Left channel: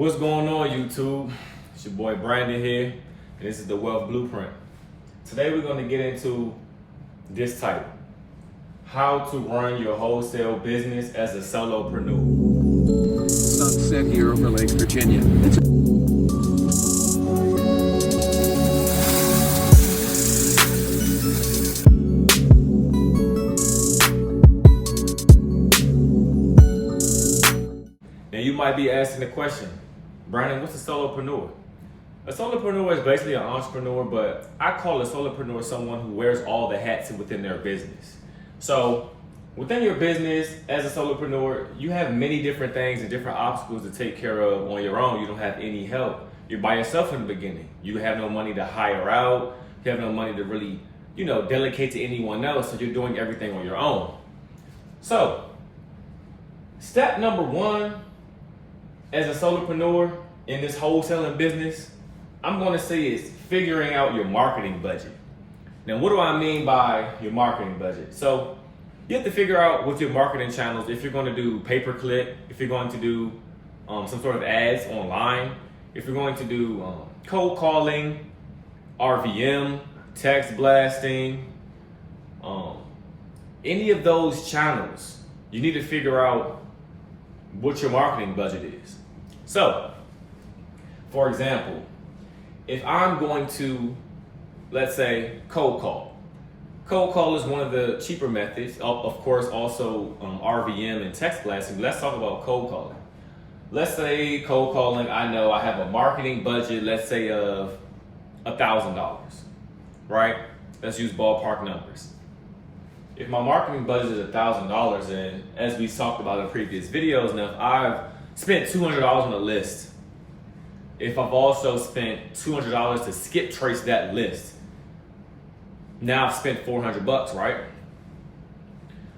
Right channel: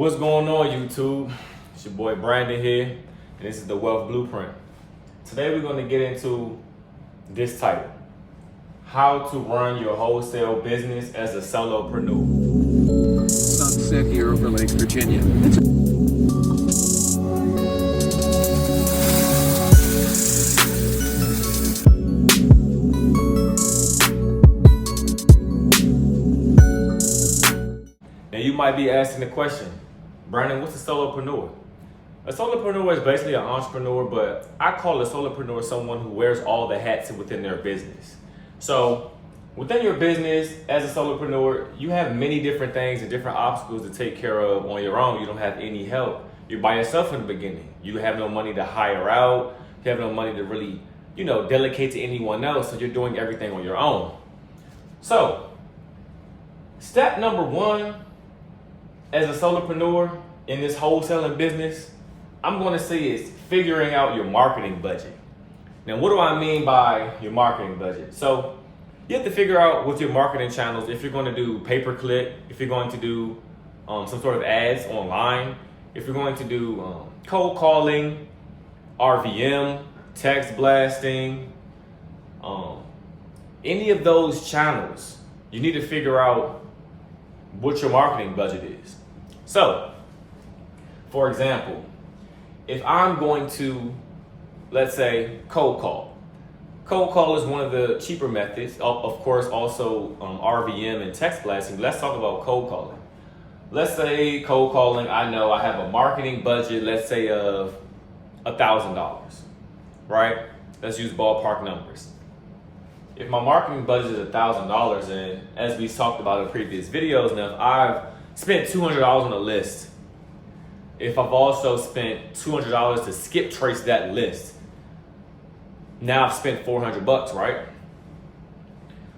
What's going on, YouTube? It's your boy Brandon here, and this is the Wealth Blueprint. Today we're going to get into this title: How to Run Your Wholesale Business as a Solopreneur. Sunset here over Lake Virginia. Now you might be asking the question, Brandon, what's a solopreneur? A solopreneur is basically an entrepreneur, but I call a solopreneur someone who wears all the hats within their business. So within your business, as a solopreneur, you have many different things and different obstacles to take care of on your own. You don't have any help. You're by yourself in the beginning. You have no money to hire out. You have no money to really, delegate to anyone else. So you're doing everything on your own. So step number one, as a solopreneur in this wholesaling business, I'm going to say is figuring out your marketing budget. Now, what do I mean by your marketing budget? So you have to figure out with your marketing channels, if you're going to do pay-per-click, if you're going to do some sort of ads online, if you're going to do cold calling, RVM, text blasting, any of those channels, you need to figure out what your marketing budget is. So, for example, if I'm going to, let's say, cold call. Cold call is one of the cheaper methods. Of course, also RVM and text blasting. Let's talk about cold calling. Let's say cold calling, I know I have a marketing budget, let's say of $1,000, right? Let's use ballpark numbers. If my marketing budget is $1,000, and as we talked about in previous videos, now if I've spent $200 on a list, if I've also spent $200 to skip trace that list, now I've spent $400, right?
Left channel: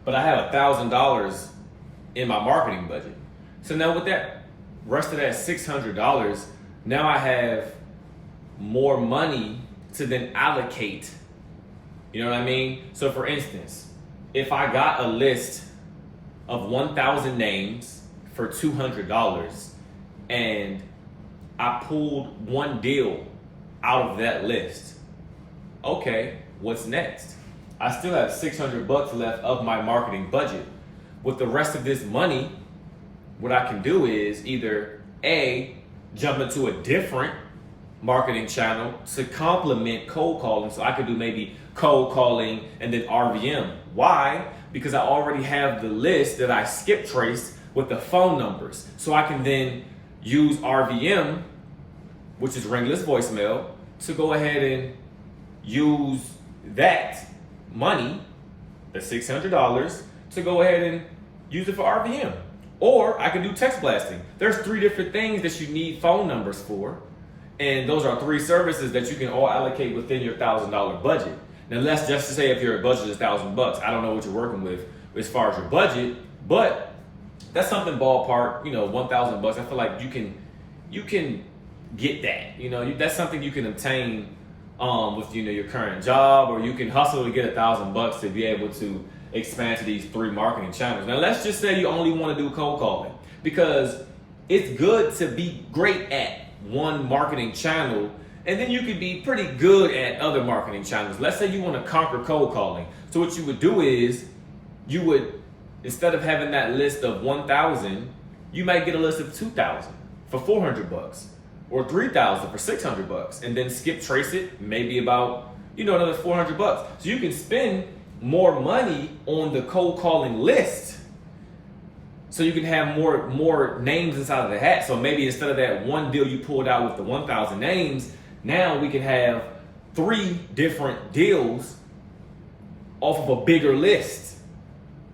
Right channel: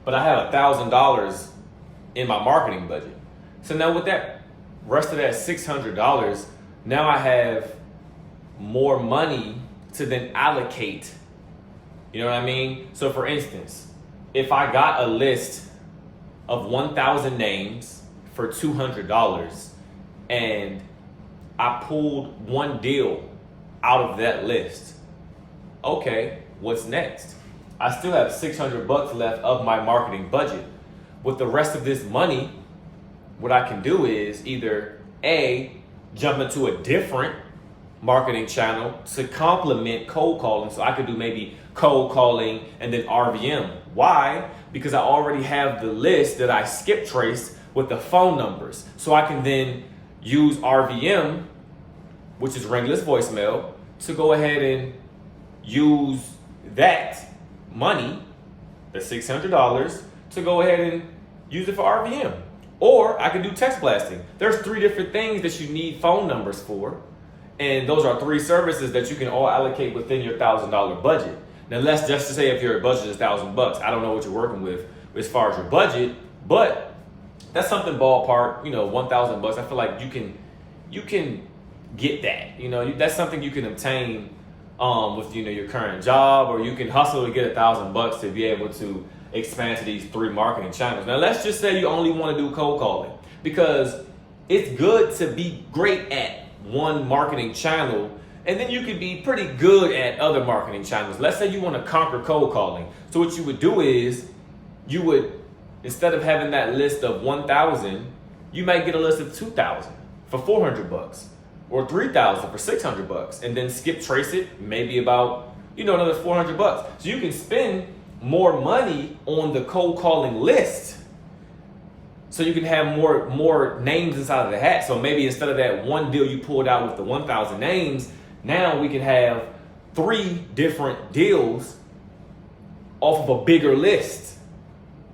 But I have $1,000 in my marketing budget. So now with that rest of that $600, now I have more money to then allocate. You know what I mean? So for instance, if I got a list of 1,000 names for $200 and I pulled one deal out of that list, okay, what's next? I still have $600 left of my marketing budget. With the rest of this money, what I can do is either A, jump into a different marketing channel to complement cold calling. So I could do maybe cold calling and then RVM. Why? Because I already have the list that I skip traced with the phone numbers. So I can then use RVM, which is ringless voicemail, to go ahead and use that money, the $600, to go ahead and use it for RVM. Or I can do text blasting. There's 3 different things that you need phone numbers for. And those are 3 services that you can all allocate within your $1,000 budget. Now let's just say if your budget is $1,000, I don't know what you're working with as far as your budget, but that's something ballpark, $1,000. I feel like you can get that. That's something you can obtain with your current job, or you can hustle to get $1,000 to be able to expand to these 3 marketing channels. Now let's just say you only want to do cold calling, because it's good to be great at one marketing channel, and then you could be pretty good at other marketing channels. Let's say you want to conquer cold calling. So what you would do is you would, instead of having that list of 1,000, you might get a list of 2,000 for $400, or 3,000 for $600, and then skip trace it maybe about another $400. So you can spend more money on the cold calling list, so you can have more names inside of the hat. So maybe instead of that one deal you pulled out with the 1,000 names, now we can have 3 different deals off of a bigger list.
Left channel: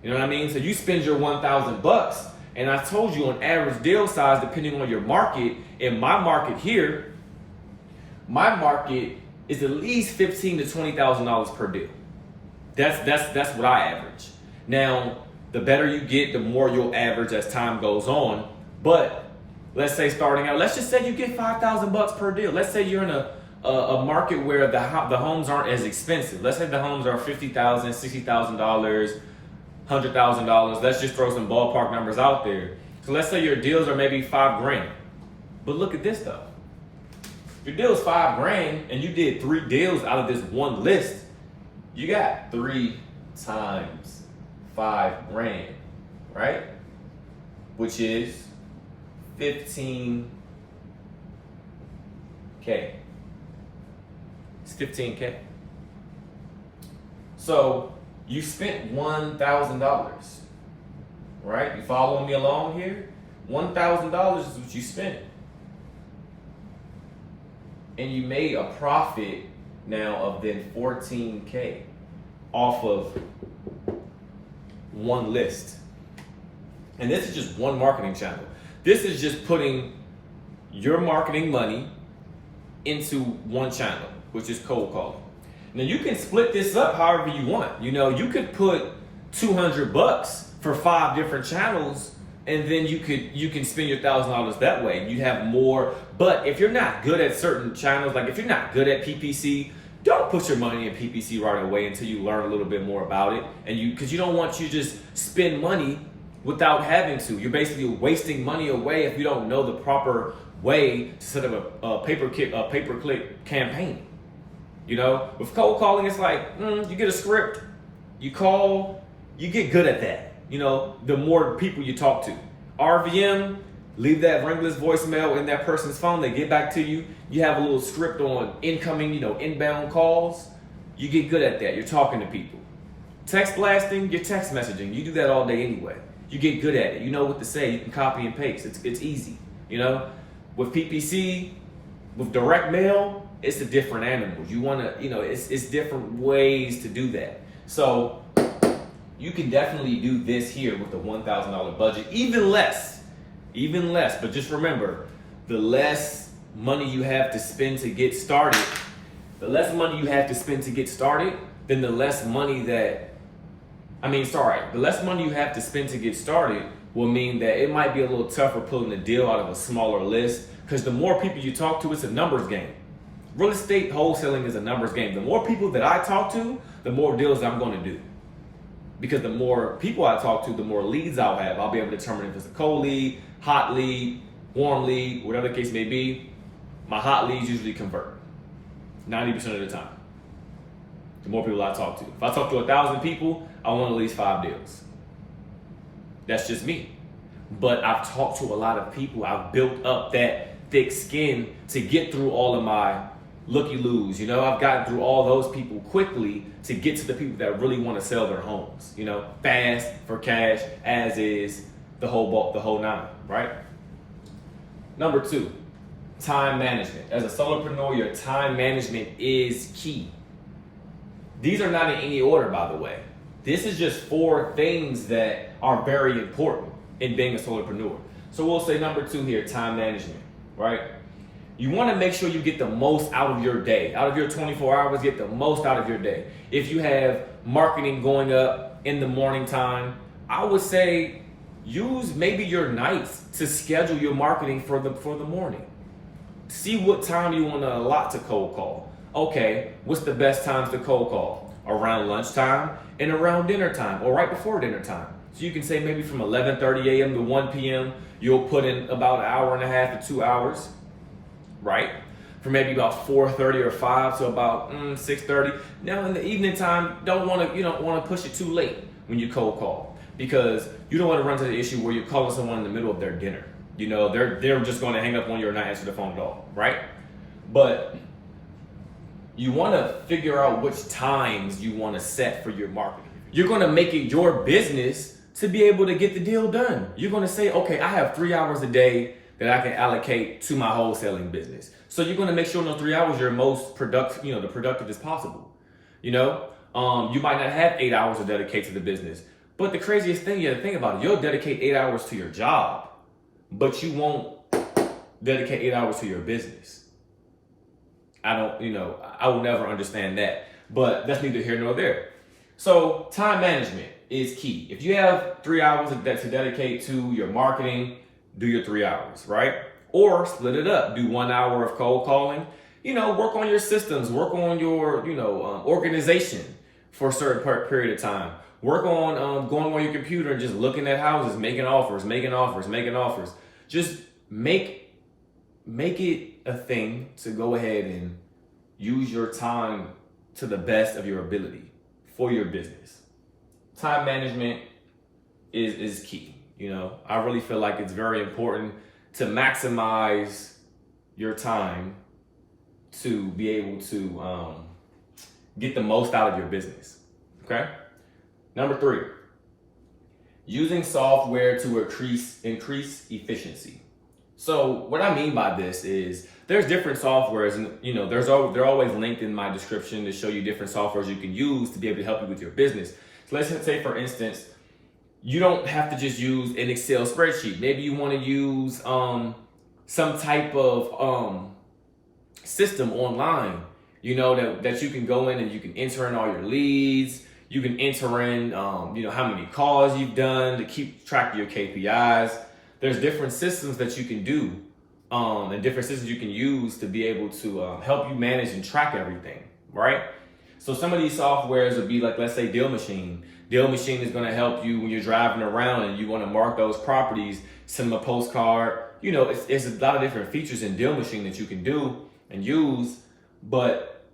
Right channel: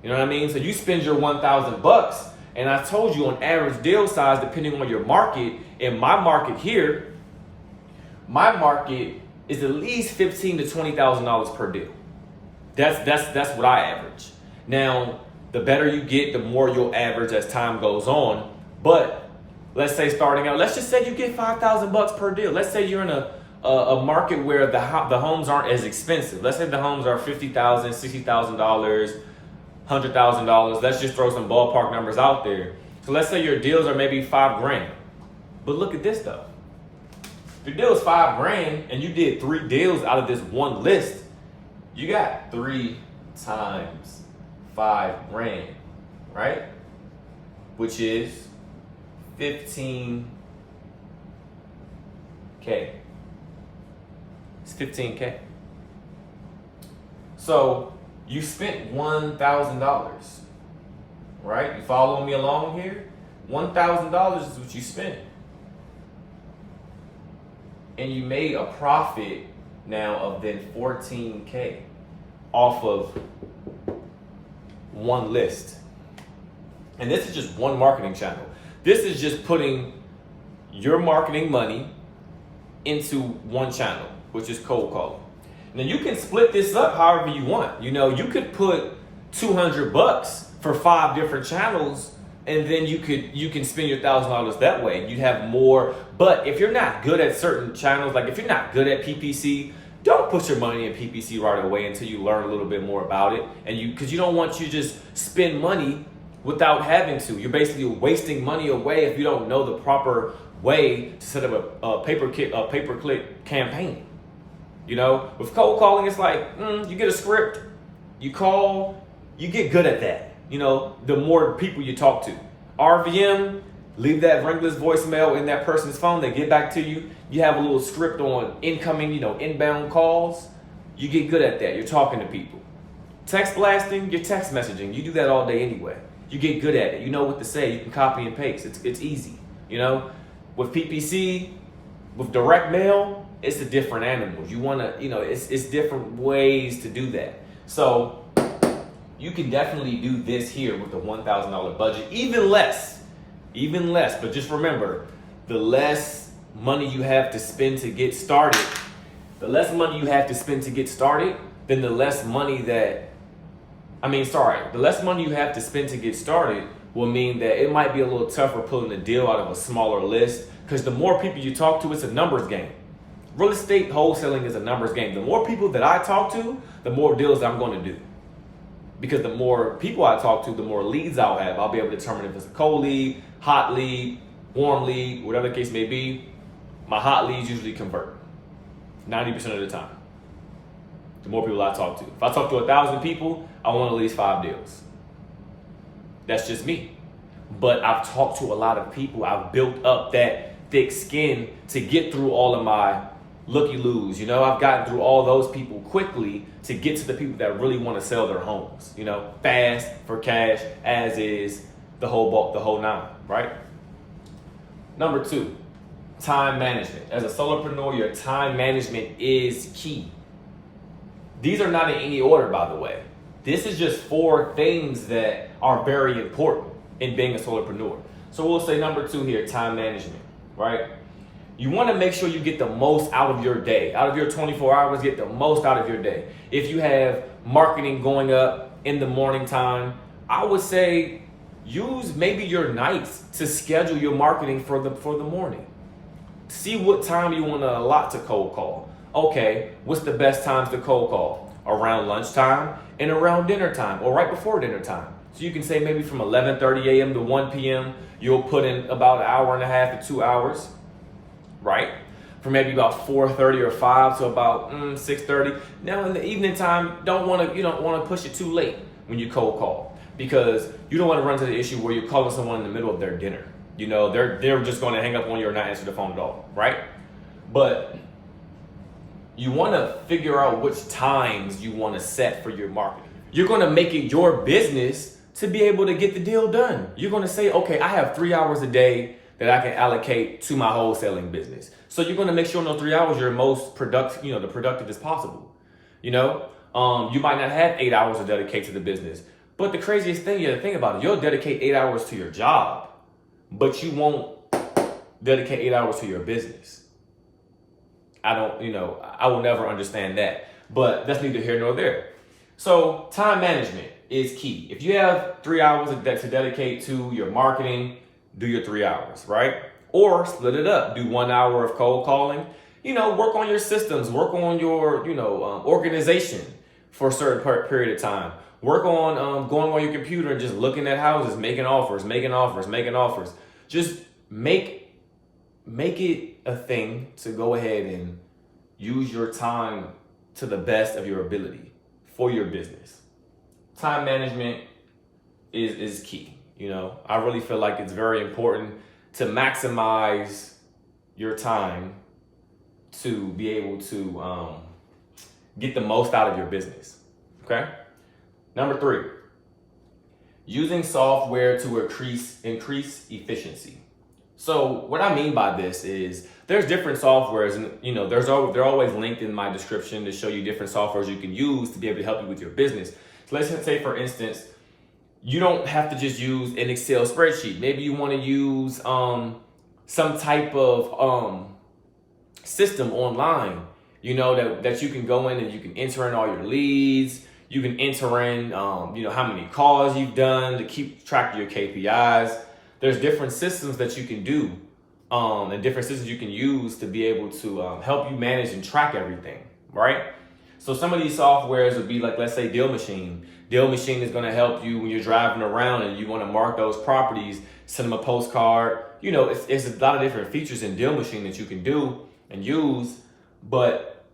You know what I mean? So you spend your $1,000, and I told you on average deal size, depending on your market. In my market here, my market is at least $15,000 to $20,000 per deal. That's what I average. Now, the better you get, the more you'll average as time goes on. But let's say starting out, let's just say you get $5,000 per deal. Let's say you're in a market where the homes aren't as expensive. Let's say the homes are $50,000, $60,000, $100,000. Let's just throw some ballpark numbers out there. So let's say your deals are maybe $5,000. But look at this though. If your deal is $5,000 and you did 3 deals out of this one list, you got 3 times $5,000, right? Which is $15K. It's $15K. So you spent $1,000, right? You following me along here? $1,000 is what you spent. And you made a profit now of then $14K off of one list. And this is just one marketing channel. This is just putting your marketing money into one channel, which is cold calling. Now you can split this up however you want. You know, you could put $200 for 5 different channels, and then you can spend your $1,000 that way. You have more. But if you're not good at certain channels, like if you're not good at PPC, don't put your money in PPC right away until you learn a little bit more about it. And because you don't want you to just spend money without having to. You're basically wasting money away if you don't know the proper way to set up a pay-per-click campaign. You know, with cold calling, it's like you get a script, you call, you get good at that. You know, the more people you talk to. RVM, leave that ringless voicemail in that person's phone. They get back to you. You have a little script on incoming, inbound calls. You get good at that. You're talking to people. Text blasting, you're text messaging. You do that all day anyway. You get good at it. You know what to say. You can copy and paste. It's easy. You know, with PPC, with direct mail, it's a different animal. You want to, it's different ways to do that. So you can definitely do this here with a $1,000 budget, even less. But just remember, the less money you have to spend to get started, then the less money you have to spend to get started will mean that it might be a little tougher pulling a deal out of a smaller list, because the more people you talk to, it's a numbers game. Real estate wholesaling is a numbers game. The more people that I talk to, the more deals I'm going to do. Because the more people I talk to, the more leads I'll have. I'll be able to determine if it's a cold lead, hot lead, warm lead, whatever the case may be. My hot leads usually convert 90% of the time. The more people I talk to. If I talk to 1,000 people, I want at least 5 deals. That's just me. But I've talked to a lot of people. I've built up that thick skin to get through all of my looky-loos. I've gotten through all those people quickly to get to the people that really want to sell their homes. Fast, for cash, as is, the whole nine, right? Number 2, time management. As a solopreneur, your time management is key. These are not in any order, by the way. This is just 4 things that are very important in being a solopreneur. So we'll say number 2 here, time management, right? You want to make sure you get the most out of your day. Out of your 24 hours, get the most out of your day. If you have marketing going up in the morning time, I would say use maybe your nights to schedule your marketing for the morning. See what time you want to allot to cold call. Okay, what's the best times to cold call? Around lunchtime and around dinner time, or right before dinner time. So you can say maybe from 11:30 a.m. to 1 p.m., you'll put in about 1.5 hours to 2 hours. Right? From maybe about 4:30 or 5 to about 6:30. Now in the evening time, you don't want to push it too late when you cold call, because you don't want to run into the issue where you're calling someone in the middle of their dinner. They're just going to hang up on you or not answer the phone at all, right? But you want to figure out which times you want to set for your market. You're going to make it your business to be able to get the deal done. You're going to say, okay, I have 3 hours a day that I can allocate to my wholesaling business. So you're going to make sure in those 3 hours you're most productive, the productive as possible. You might not have 8 hours to dedicate to the business, but the craziest thing you have to think about it, you'll dedicate 8 hours to your job, but you won't dedicate 8 hours to your business. I will never understand that, but that's neither here nor there. So time management is key. If you have 3 hours to dedicate to your marketing, do your 3 hours, right? Or split it up. Do 1 hour of cold calling. Work on your systems. Work on your, organization for a certain period of time. Work on going on your computer and just looking at houses, making offers. Just make make it a thing to go ahead and use your time to the best of your ability for your business. Time management is key. I really feel like it's very important to maximize your time to be able to get the most out of your business. Okay. Number 3, using software to increase efficiency. So what I mean by this is there's different softwares, and they're always linked in my description to show you different softwares you can use to be able to help you with your business. So let's say, for instance, you don't have to just use an Excel spreadsheet. Maybe you want to use some type of system online, that you can go in and you can enter in all your leads. You can enter in, how many calls you've done to keep track of your KPIs. There's different systems that you can do, and different systems you can use to be able to help you manage and track everything, right? So some of these softwares would be like, let's say, Deal Machine. Deal Machine is going to help you when you're driving around and you want to mark those properties, send them a postcard. It's a lot of different features in Deal Machine that you can do and use, but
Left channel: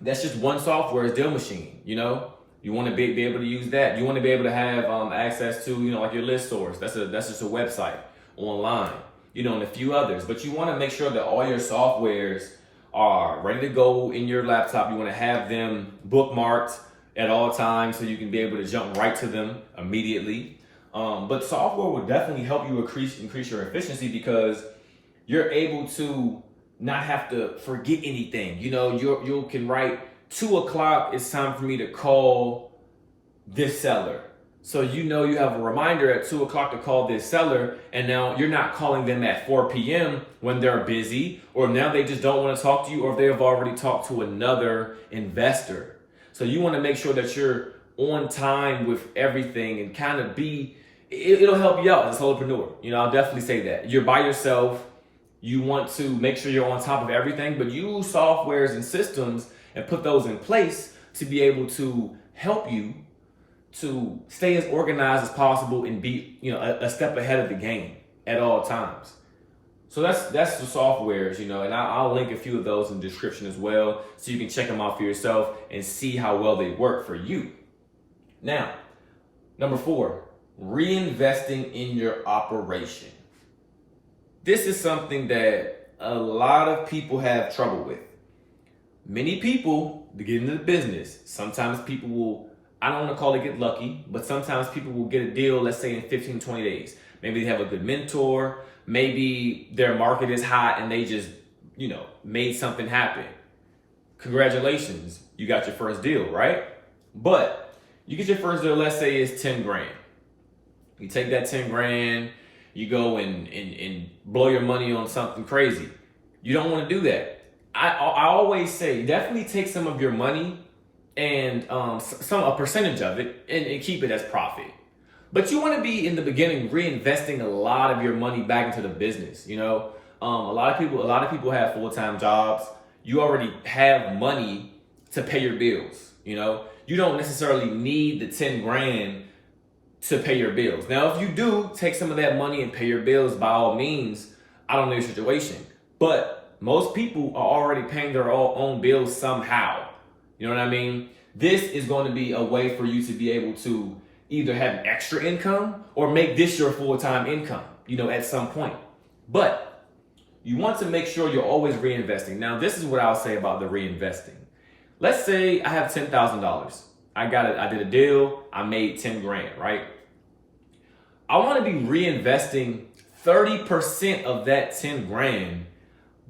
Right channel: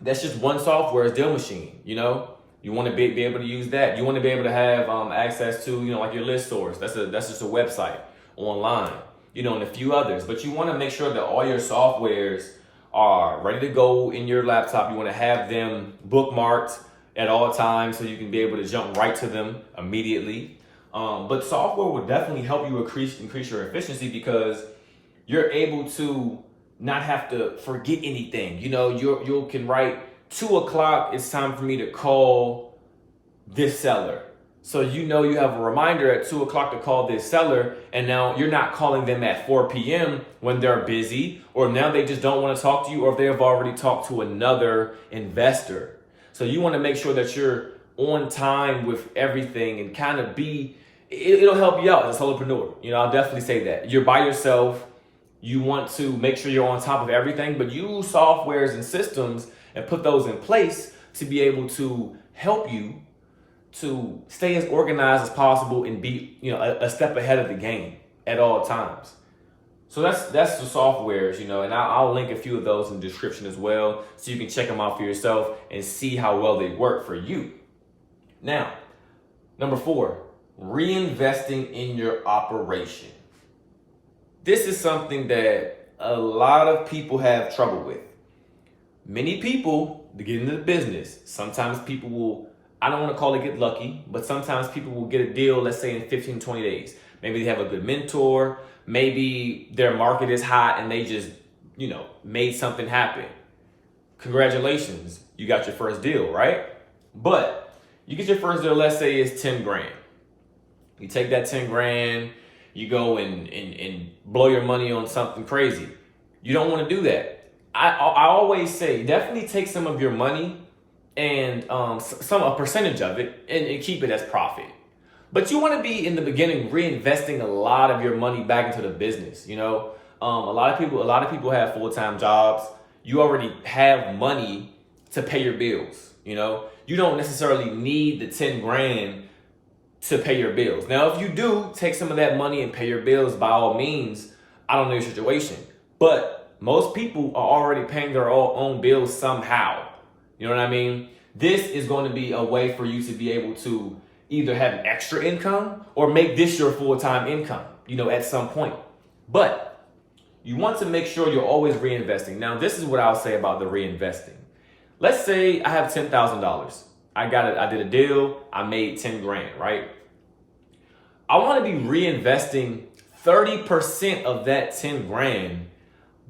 that's just one software is Deal Machine. You want to be able to use that. You want to be able to have access to, like your list source. That's just a website online, and a few others. But you want to make sure that all your softwares are ready to go in your laptop. You want to have them bookmarked at all times so you can be able to jump right to them immediately. But software will definitely help you increase your efficiency because you're able to not have to forget anything. You can write 2 o'clock, it's time for me to call this seller. So you have a reminder at 2 o'clock to call this seller, and now you're not calling them at 4 p.m. when they're busy, or now they just don't want to talk to you, or they have already talked to another investor. So you want to make sure that you're on time with everything and kind of it'll help you out as a solopreneur. I'll definitely say that. You're by yourself. You want to make sure you're on top of everything, but use softwares and systems and put those in place to be able to help you to stay as organized as possible and be, a step ahead of the game at all times. So that's the softwares, and I'll link a few of those in the description as well, so you can check them out for yourself and see how well they work for you. Now, number 4, reinvesting in your operation. This is something that a lot of people have trouble with. Many people, to get into the business, sometimes people will, I don't want to call it get lucky, but sometimes people will get a deal, let's say in 15, 20 days. Maybe they have a good mentor. Maybe their market is hot and they just, made something happen. Congratulations, you got your first deal, right? But you get your first deal, let's say it's 10 grand. You take that 10 grand, you go and blow your money on something crazy. You don't want to do that. I always say definitely take some of your money and a percentage of it and keep it as profit. But you want to be in the beginning reinvesting a lot of your money back into the business. A lot of people have full-time jobs. You already have money to pay your bills. You don't necessarily need the 10 grand to pay your bills. Now, if you do take some of that money and pay your bills, by all means, I don't know your situation, but most people are already paying their own bills somehow. You know what I mean? This is going to be a way for you to be able to either have an extra income or make this your full-time income, at some point. But you want to make sure you're always reinvesting. Now, this is what I'll say about the reinvesting. Let's say I have $10,000. I did a deal. I made 10 grand, right? I want to be reinvesting 30% of that 10 grand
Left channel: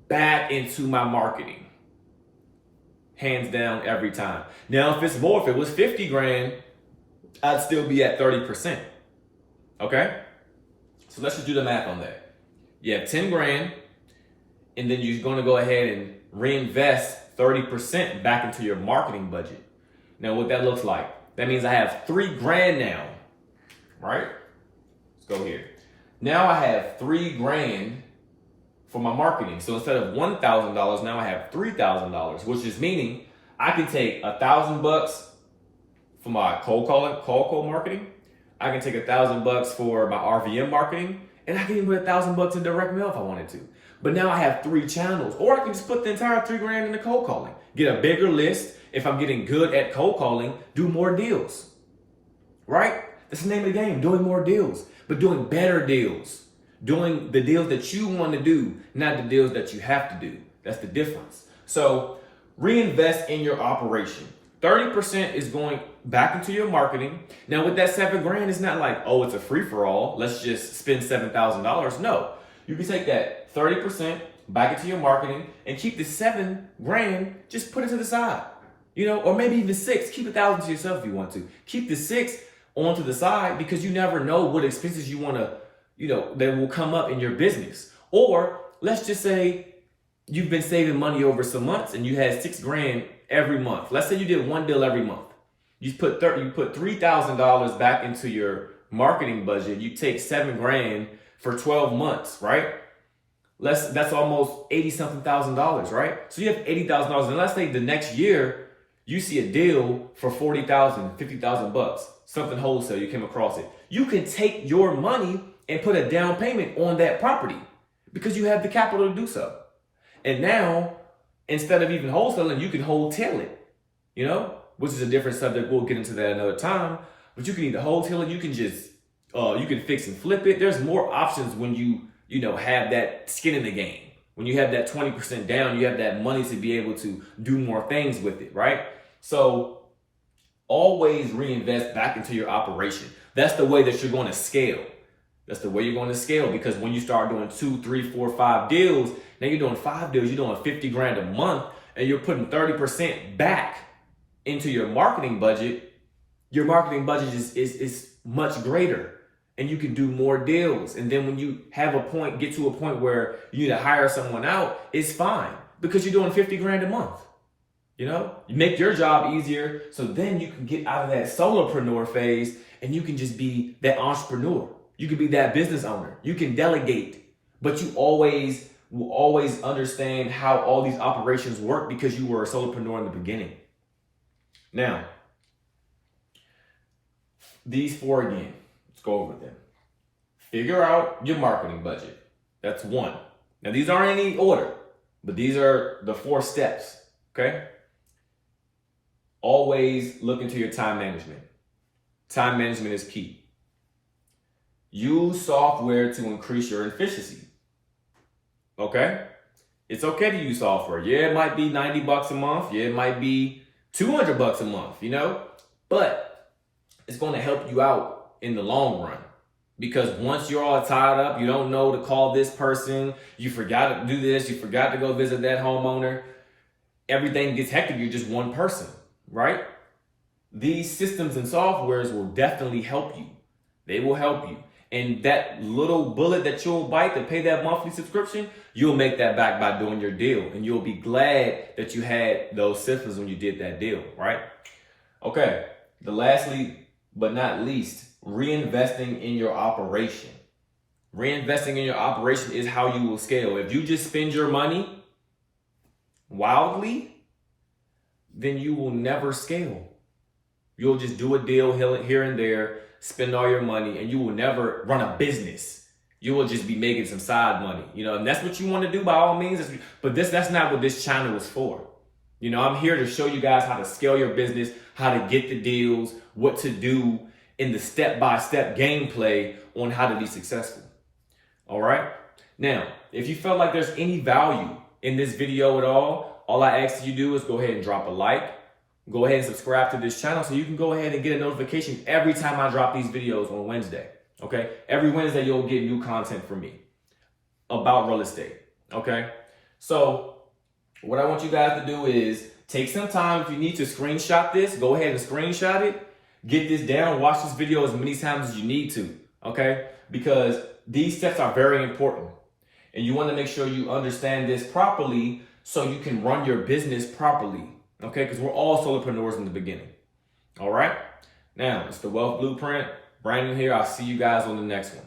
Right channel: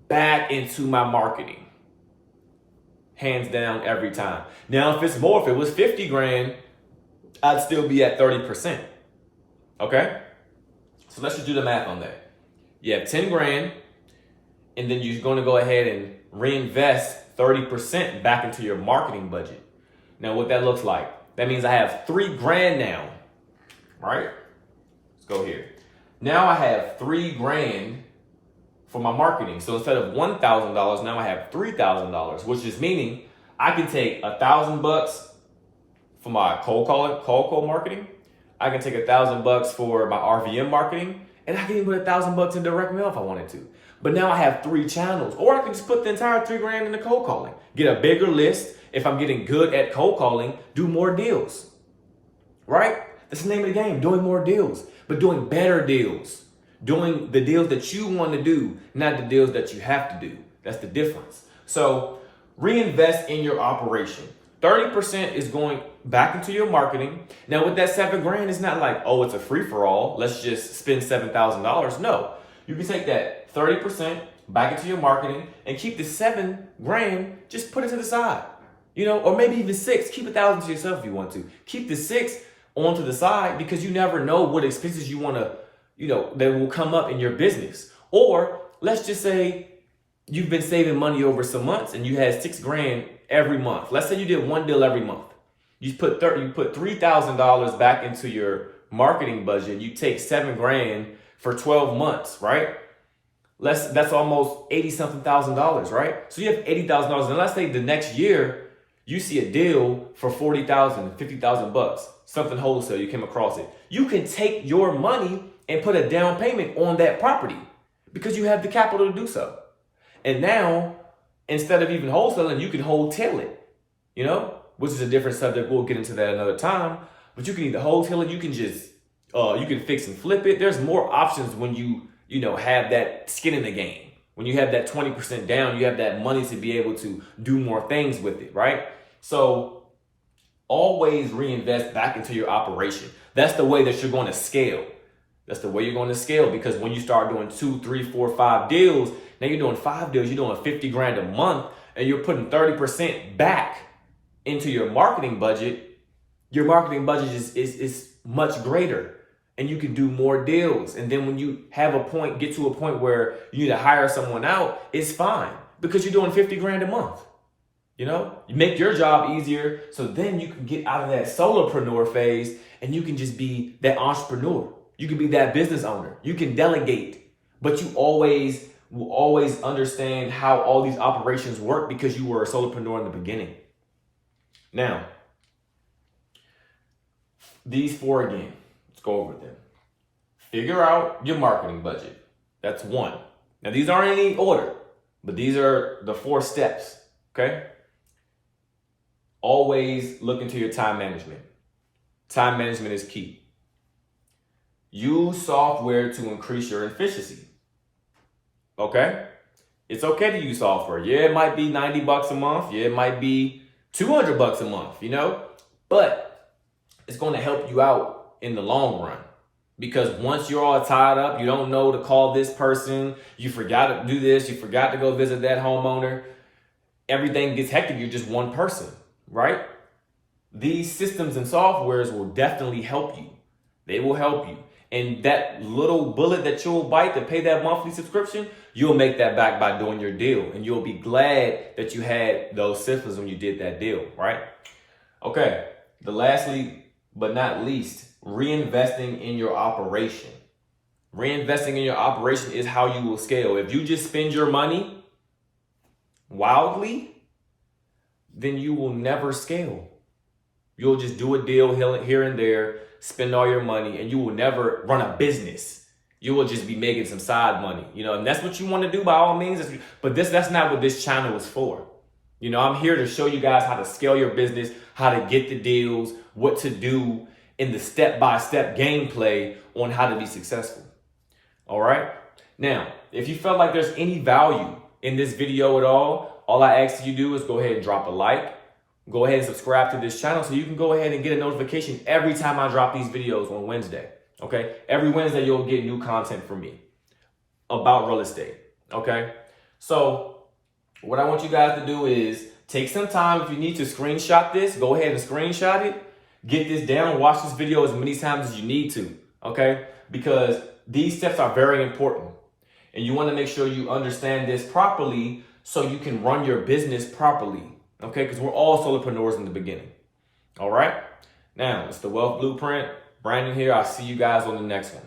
back into my marketing. Hands down, every time. Now, if it's more, if it was 50 grand, I'd still be at 30%. Okay? So let's just do the math on that. You have 10 grand, and then you're going to go ahead and reinvest 30% back into your marketing budget. Now, what that looks like, that means I have 3 grand now, right? Let's go here. Now I have 3 grand for my marketing. So instead of $1,000, now I have $3,000, which is meaning I can take $1,000 for my cold marketing. I can take $1,000 for my RVM marketing, And I can even put $1,000 in direct mail if I wanted to. But now I have 3 channels. Or I can just put the entire $3,000 into cold calling. Get a bigger list. If I'm getting good at cold calling, do more deals. Right? That's the name of the game, doing more deals. But doing better deals. Doing the deals that you want to do, not the deals that you have to do. That's the difference. So reinvest in your operation. 30% is going back into your marketing. Now with that $7,000, it's not like, oh, it's a free for all. Let's just spend $7,000. No, you can take that 30% back into your marketing and keep the $7,000, just put it to the side, or maybe even 6, keep 1,000 to yourself if you want to. Keep the 6 onto the side because you never know what expenses you want to, that will come up in your business. Or let's just say you've been saving money over some months and you had $6,000 every month. Let's say you did 1 deal every month. You put $3,000 back into your marketing budget. You take $7,000 for 12 months, right? That's almost $80-something thousand, right? So you have $80,000. And let's say the next year you see a deal for $40,000, $50,000, something wholesale, you came across it. You can take your money and put a down payment on that property because you have the capital to do so. And now, instead of even wholesaling, you can wholesale it, which is a different subject. We'll get into that another time. But you can either wholesale it, you can just, you can fix and flip it. There's more options when you have that skin in the game. When you have that 20% down, you have that money to be able to do more things with it, right? So always reinvest back into your operation. That's the way that you're going to scale. That's the way you're going to scale, because when you start doing 2, 3, 4, 5 deals, now you're doing 5 deals, you're doing $50,000 a month, and you're putting 30% back into your marketing budget. Your marketing budget is much greater, and you can do more deals. And then when you get to a point where you need to hire someone out, it's fine because you're doing $50,000 a month. You make your job easier, so then you can get out of that solopreneur phase and you can just be that entrepreneur. You can be that business owner. You can delegate, but you will always understand how all these operations work because you were a solopreneur in the beginning. Now, these 4 again, let's go over them. Figure out your marketing budget. That's 1. Now, these aren't in any order, but these are the 4 steps, okay? Always look into your time management. Time management is key. Use software to increase your efficiency. Okay? It's okay to use software. Yeah, it might be $90 a month. Yeah, it might be $200 a month, but it's going to help you out in the long run. Because once you're all tied up, you don't know to call this person, you forgot to do this, you forgot to go visit that homeowner, everything gets hectic, you're just one person, right? These systems and softwares will definitely help you. They will help you. And that little bullet that you'll bite to pay that monthly subscription, you'll make that back by doing your deal. And you'll be glad that you had those systems when you did that deal, right? Okay, lastly but not least, reinvesting in your operation. Reinvesting in your operation is how you will scale. If you just spend your money wildly, then you will never scale. You'll just do a deal here and there, spend all your money, and you will never run a business. You will just be making some side money, and that's what you want to do by all means. But that's not what this channel is for. I'm here to show you guys how to scale your business, how to get the deals, what to do in the step-by-step gameplay on how to be successful. All right. Now, if you felt like there's any value in this video at all I ask you to do is go ahead and drop a like. Go ahead and subscribe to this channel so you can go ahead and get a notification every time I drop these videos on Wednesday. Okay? Every Wednesday, you'll get new content from me about real estate. Okay? So what I want you guys to do is take some time. If you need to screenshot this, go ahead and screenshot it. Get this down. Watch this video as many times as you need to. Okay? Because these steps are very important. And you want to make sure you understand this properly so you can run your business properly. Okay, because we're all solopreneurs in the beginning. All right. Now, it's the Wealth Blueprint. Brandon here. I'll see you guys on the next one.